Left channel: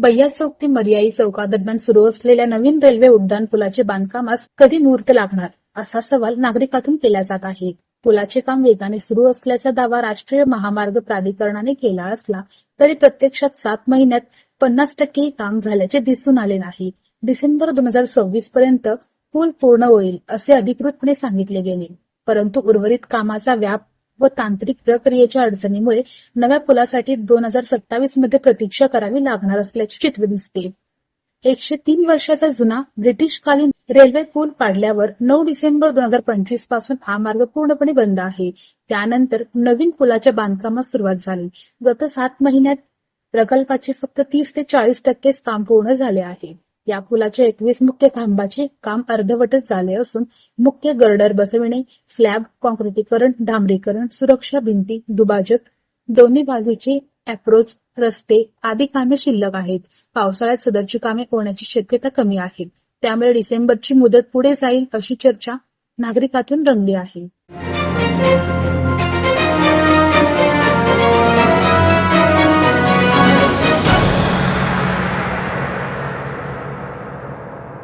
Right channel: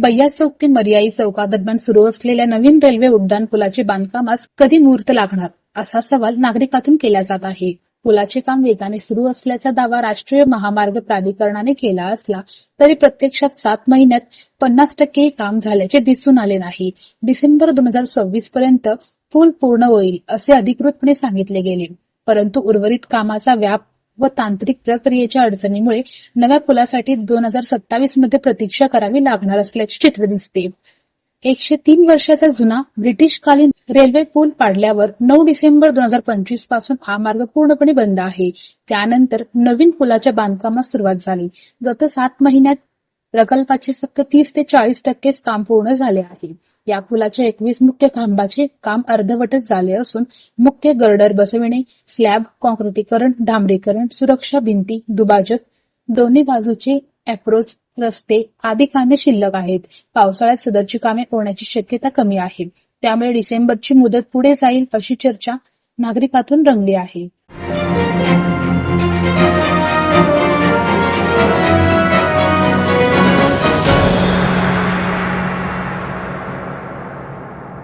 बय्या चौक ते मर्याई चौकादरम्यान सुरू असलेल्या नवीन रेल्वे उड्डाणपुलाचे बांधकामास कधी मुहूर्त लागणार असा सवाल नागरिकांतून केला जात आहे. पुलाचे काम वेगाने सुरू असल्याचा दावा राष्ट्रीय महामार्ग प्राधिकरणाने केला असला तरी प्रत्यक्षात 7 महिन्यात 50% काम झाल्याचे दिसून आले नाही. डिसेंबर 2026 पर्यंत पूल पूर्ण होईल असे अधिकृतपणे सांगितले गेले, परंतु उर्वरित कामाचा व्याप व तांत्रिक प्रक्रियेच्या अडचणीमुळे नव्या पुलासाठी 2027 मध्ये प्रतीक्षा करावी लागणार असल्याचे चित्र दिसते. 103 वर्षाचा जुना ब्रिटिशकालीन रेल्वे पूल पाडल्यावर 9 डिसेंबर 2025 पासून हा मार्ग पूर्णपणे बंद आहे. त्यानंतर नवीन पुलाच्या बांधकामास सुरुवात झाली. गत 7 महिन्यात प्रकल्पाचे फक्त 30 ते 40% काम पूर्ण झाले आहे. या पुलाच्या 21 मुख्य खांबाचे काम अर्धवटच झाले असून मुख्य गर्डर बसविणे, स्लॅब, कॉन्क्रिटीकरण, डांबरीकरण, सुरक्षा भिंती, दुभाजक, दोन्ही बाजूचे अप्रोच रस्ते आदी कामे शिल्लक आहेत. पावसाळ्यात सदरची कामे होण्याची शक्यता कमी आहे. त्यामुळे डिसेंबरची मुदत पुढे जाईल अशी चर्चा नागरिकांतून रंगली आहे.